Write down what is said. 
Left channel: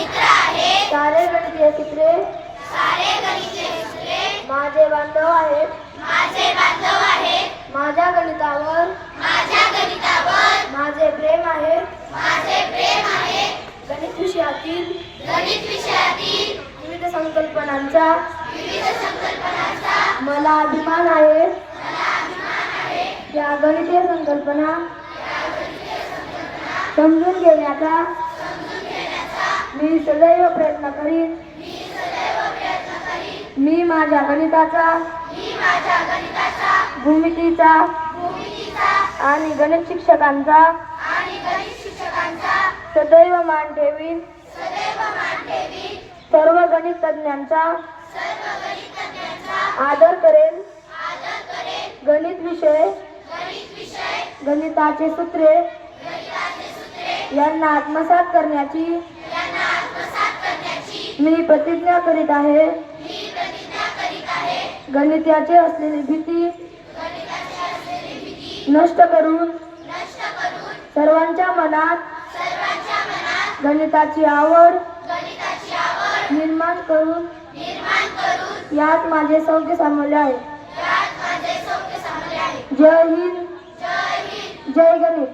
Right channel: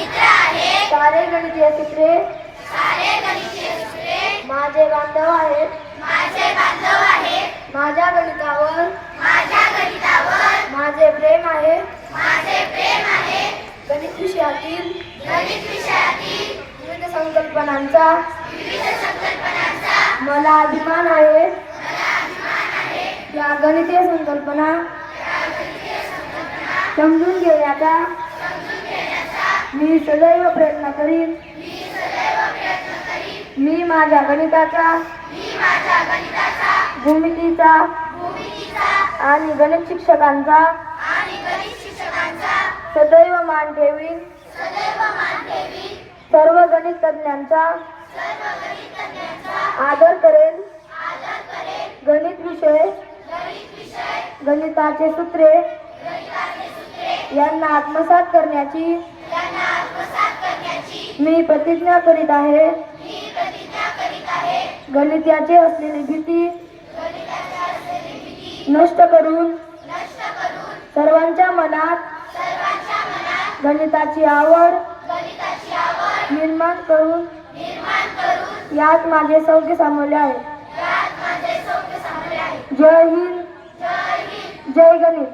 सारे गणितीय सूत्रे माझे बांधव आहेत. माझ्या गणितावर माझे प्रेम आहे. गणित विषयातील विविध संकल्पनांचा मला अभिमान आहे. या गणितीय संकल्पना समजून घेण्याचा मी सदैव प्रयत्न करीन. मी माझ्या गणिताचा भूमितीचा आणि गणित शिक्षकांचा सदैव मान ठेवीन. सर्व गणित तज्ञांचा आदर करेन. गणित विषय गणिताचे सूत्रे यांना आत्मसात करण्याची मी प्रतिज्ञा करीत आहे. गणिताची असलेली भीती नष्ट करून सर्वांच्या मनात गणिताची आवड निर्माण करून यात माझे सौख्य सामावले आहे. जय हिंद, जय गणित.